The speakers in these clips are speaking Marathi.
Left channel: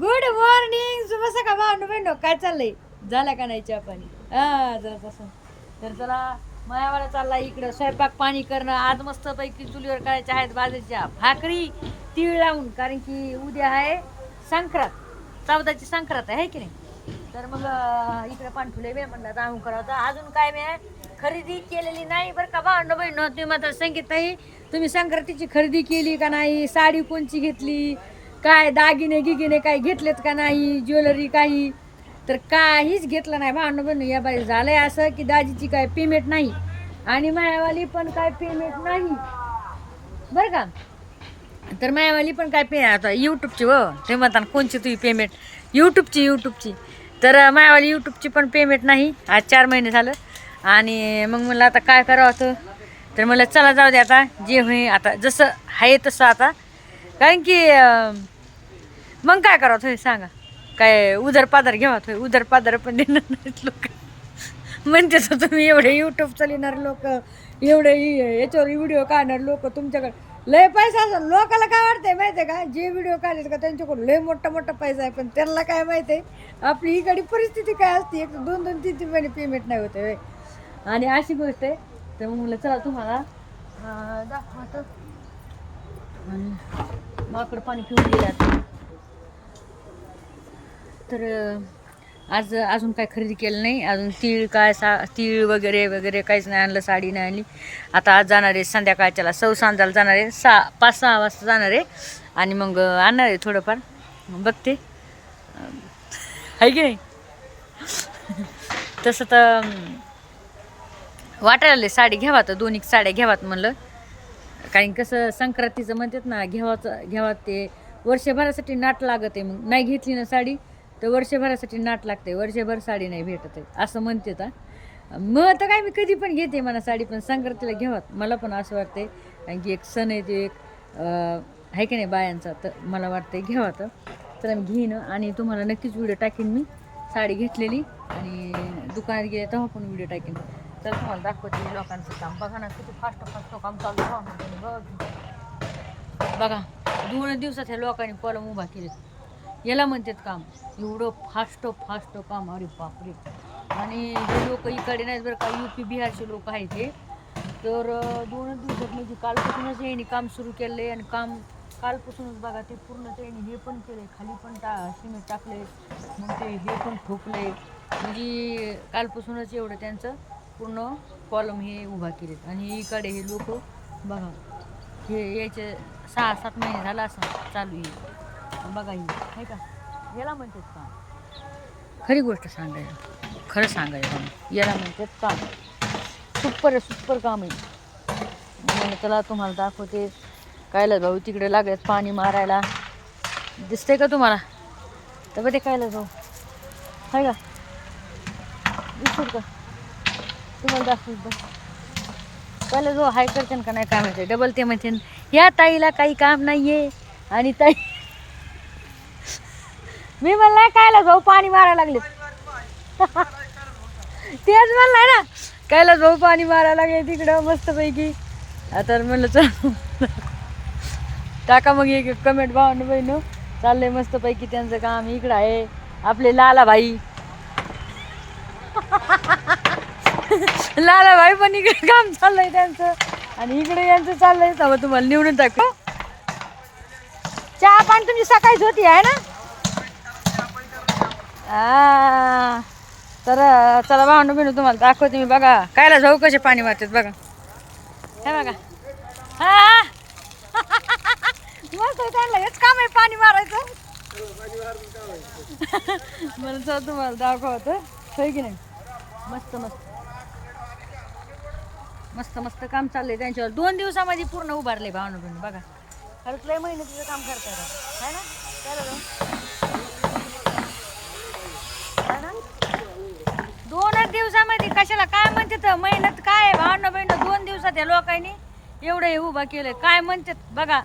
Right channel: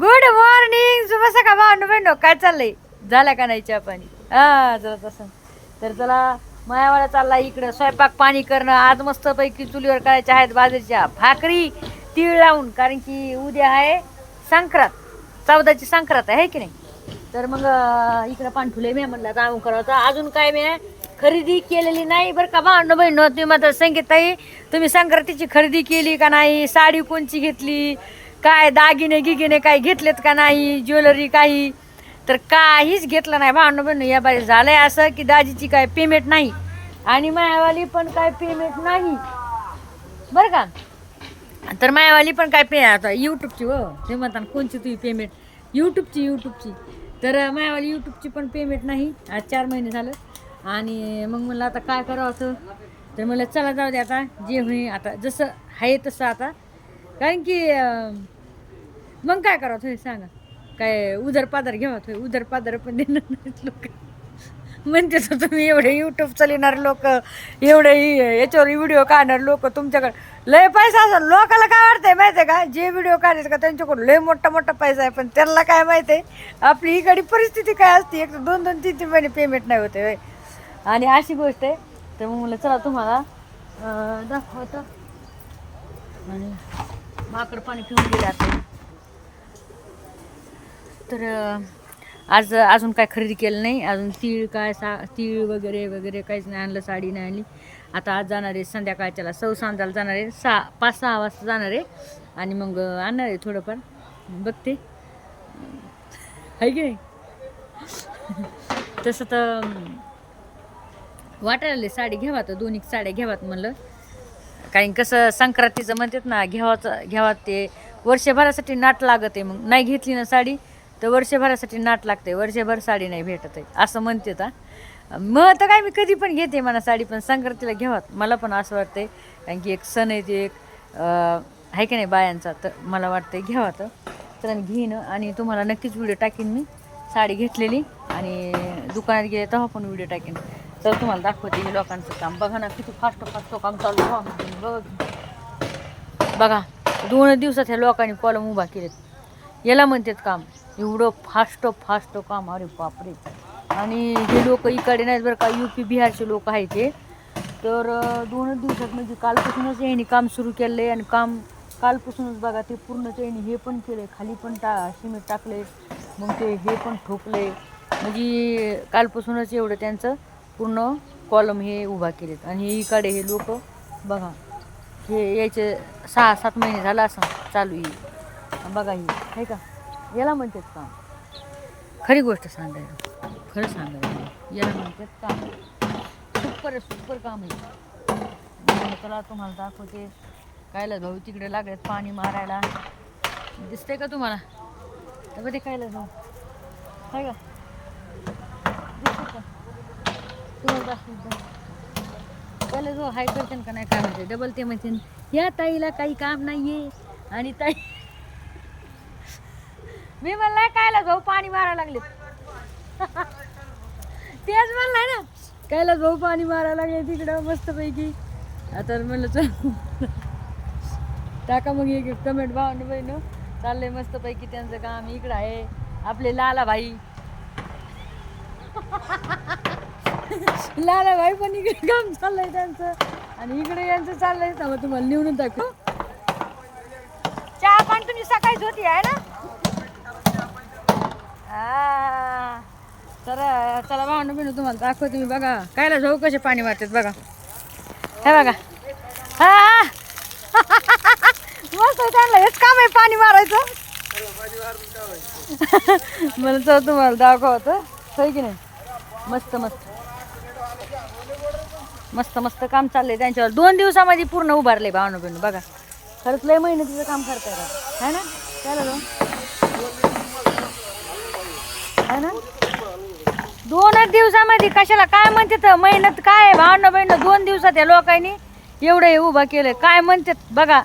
गुड मॉर्निंग शुभ सकाळ भांडू बहिणो काय चाललंय? झाला का नाही चहा पाणी? हा जरा तसं. तर चला मायावाडा चालला इकडं. स्वयंपाक पाणी करणं आज मस्त पैकी चुलीवर करायच्या आहेत बाजरीच्या भाकरी तीळ लावून. कारण की उद्या आहे संक्रांत. चौदाची संक्रांत आहे की नाही? तर मग इकडं पांठुले मी म्हणलं जाऊन करावं. अजून काय मी खरेदी केलेली नाही बरं का भांडू बहिण तुम्ही मात्र संगीताई तुम्ही संक्रांतीची खरेदी केली का नाही? साडी कोणची घेतली? काय दागिने गिगिने काय घेतलेत का नाही ज्वेलरी काही? तर काहीच घेतलं नाही. भांडण बहिण या बाई झालंय असं की दाजीची काय पेमेंट नाही. आणि मायावाली पण काय पेमेंट नाही. बरं का? तर मायावाली पण काय पे आता यूट्यूबची व ते म्हणतात कोणची तुझी पेमेंट यूट्यूबची यूट्यूबची तर मायावाली यूट्यूबची पण पेमेंट नाही. आज चार महिने झालं. आणि मग म्हणलं आता काय करावं तर म्हणलं चला जाऊ दे आता. जे होई आता जसं आहे तसं आता. कारण की मग काय करावं थोडी सांगा. काय उदर पादर घ्यावा थोडी उदर पादर पण देणार नाहीत लोक. म्हणते तर तुम्ही एवढे यूट्यूब चालणारे लोक एवढे याच्यावर व्हिडिओ काढणार लोक तुमच्याकडे. लय पैसा असेल लोकाला काय वाटतंय माहिती आहे का? जे व्हिडिओ काढायचे का त्यांच्याकडून लय मोठा मोठा पैसा आहे. पण त्यांना काय माहिती आहे आपली इकडे परिस्थिती काय असते? एक तर दोन दोन तीन तीन महिने पेमेंट नाही होते होय. आणि अशी गोष्ट आहे. तर मग मुलं चला तुम्हाला दाखवतो. आणि माकड पाणी पिऊन गेले आता. तर आज अजून काय खरेदी केलं नाही. अजून तीळ काय सा तीळ वगैरे वगैरे काहीच नाही आणलं साडी नाही आणली. आता आज जाणार आहे संध्याकाळच्याला सौ सांजाला जाणार आहे. सहा पाच सहा वाजता जाणार आहे. आणि मग आणणार आहे थोडंफार. बघते. आहे की नाही? तसं तर वाटायला साडी घ्यावा तर दोन एक साड्या घ्यावात म्हणलं. कारण कसं संक्रांतीचं म्हणतात ना घ्यावाचं घ्यावा ते वर्षभरासाठी नाट लागत. आहे मग नाही घेतली ना साडी तर वर्षभरासाठी नाट लागते. वर्षभर साडी नाही भेटत आहे असं म्हणते आता मग तर काय मी कधी पण घेते मला साडी पण संक्रांतीला घ्यावात मला पण असं वाटतंय कारण की एक सण आहे ते एक आहे की नाही बायांचा तर मला वाटतंय घ्यावा तर तर मी घेईन आणि तुम्हाला नक्कीच व्हिडिओ टाकीन मी. साडी घेतलेली आणि दुकानात गेले तेव्हा पण व्हिडिओ टाकेन. तर तुम्हाला दाखवते लोकांचं काम. बघा ना किती फास्ट फास्ट काम चालू आहे. बघा. बघा दोन दिवसात ह्या लोकांनी कॉलम उभा केलेत. याला म्हणतात काम. एवढं फास्ट फास्ट काम. अरे बापरे. आणि हे लोक इकडे नाहीत बरं का यू पी बिहारचे लोक आहेत ते तर दोनच दिवसात म्हणजे कालपासूनच यांनी काम सुरू केलं आहे आणि काम कालपासूनच बघा ते पूर्ण त्यांनी हे पण केलं आहे खाली पण टा सिमेंट आहे मग ते हे पण ठोकलं आहे म्हणजे कालपासूनच एवढं त्यांचं पूर्ण कॉलम हे उभा केलेत. आणि इकडे हे लोक बघा हे याचे सहा सात महिने झाला असं चालू आहे. बघा ही हे का? याला म्हणतात काम खरी गोष्ट सांगायला. खरं सांगायला. काम याला म्हणतात काम सुपर सुपर काम आहे. त्याला तुम्हाला दाखवते. कायला भाऊ तिकडे लागत पाणी मारायला. दिसते का तुम्हाला? तर बघ ते कायला भाऊ काय का? दिसत का? तुम्हाला दाखवतो पहिला जो हाय करते का नाही काय म्हणते डबल ते म्हणते या ताईला काही काम नाहीये. आणि ताई मी म्हणला कायला जाऊ पाणी मारायला लागले. तेच म्हणलाय ना कायला जाऊ पाणी मारायला लागले तिकडं मस्तपैकी. आता म्हणलं चल. टाका मग एक कमेंट भावनं बहिण. चाललंय मस्तपैकी त्यांचं काम इकडं आहे आपले लाला भाई. लाला भाई पण इकडे काम चाललंय त्यांचं. आणि इकडे यांचं चाललंय. तेव्हा तुम्हाला निवडून टाकू. चहा पाणी तुमची सकाळीच होती आहे ना? आ, तर चला भावंड बिनू तुम्हाला दाखवते मी. बघा कायला जाऊ कसे पाणी मारतात बघा. हे बघा. हा. मस्त त्यांना. हेच काम आहे पाणी मारायचं. मला तर तुम्हाला दाखवतं. होय की नाही? मस्त मस्त. मस्त मस्त काम चाललंय त्यांच्यावर. दोन दिवसामध्ये पूर्ण उभारले भावना बहिणी बघा. खरंच लय मेहनतीचं काम करताय है ना? काय है ना? दोनच दिवसामध्ये कशाला? काय म्हणते तर मेहनत काय भावना बहिणी? दोन दिवसात या लोकांनी एवढं हे उभं केलंय. काय म्हणतात बघा.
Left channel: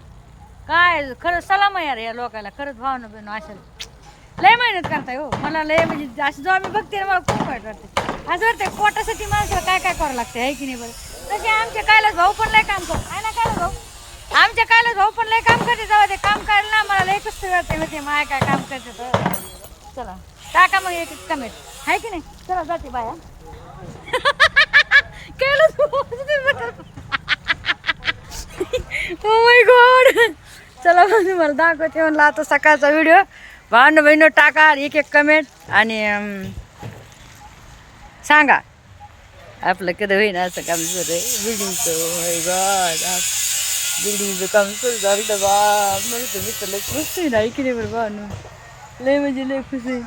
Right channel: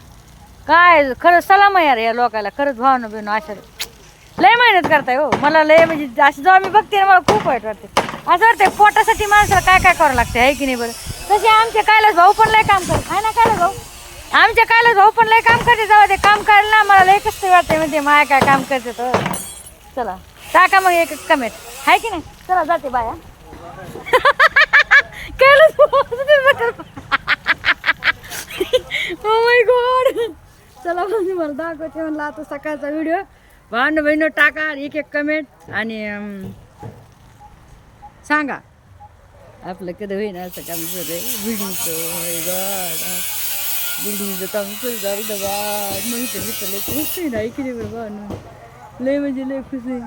काय खरं सलाम आहे यार या लोकांना खरंच भावना बहिणी अशा लय मेहनत करताय हो. मला लय म्हणजे असं जेव्हा मी बघते ना मला खूप वाईट वाटते. असं वाटतंय पोटासाठी माणसाला काय काय करावं लागते आहे की नाही बरं? तसे आमचे कायलाच भाऊ पण लय काम करत आहे ना कायला भाऊ? आमच्या कायलाच भाऊ पण लय काम करते जाऊ दे काम करायला ना मला लय कष्ट वाटते म्हणजे माया काय काम करते तर हो. चला टाका मग एक कमेंट आहे की नाही? चला जाते बाया ओ माय गॉड चला मग मला दाखवते म्हणलं आता सकाळचा व्हिडिओ भांड बहिणं टाका एक एक कमेंट आणि सांगा. आपलं कधी होईन असं काम सुरू आहे? बिल्डिंगचं माय गॉड बिल्डिंगचं काम सुरू झालं बा मग तर मी तर लय खुश आहे ना ऐकले बरं बा लय म्हणजे लय खुश आहे.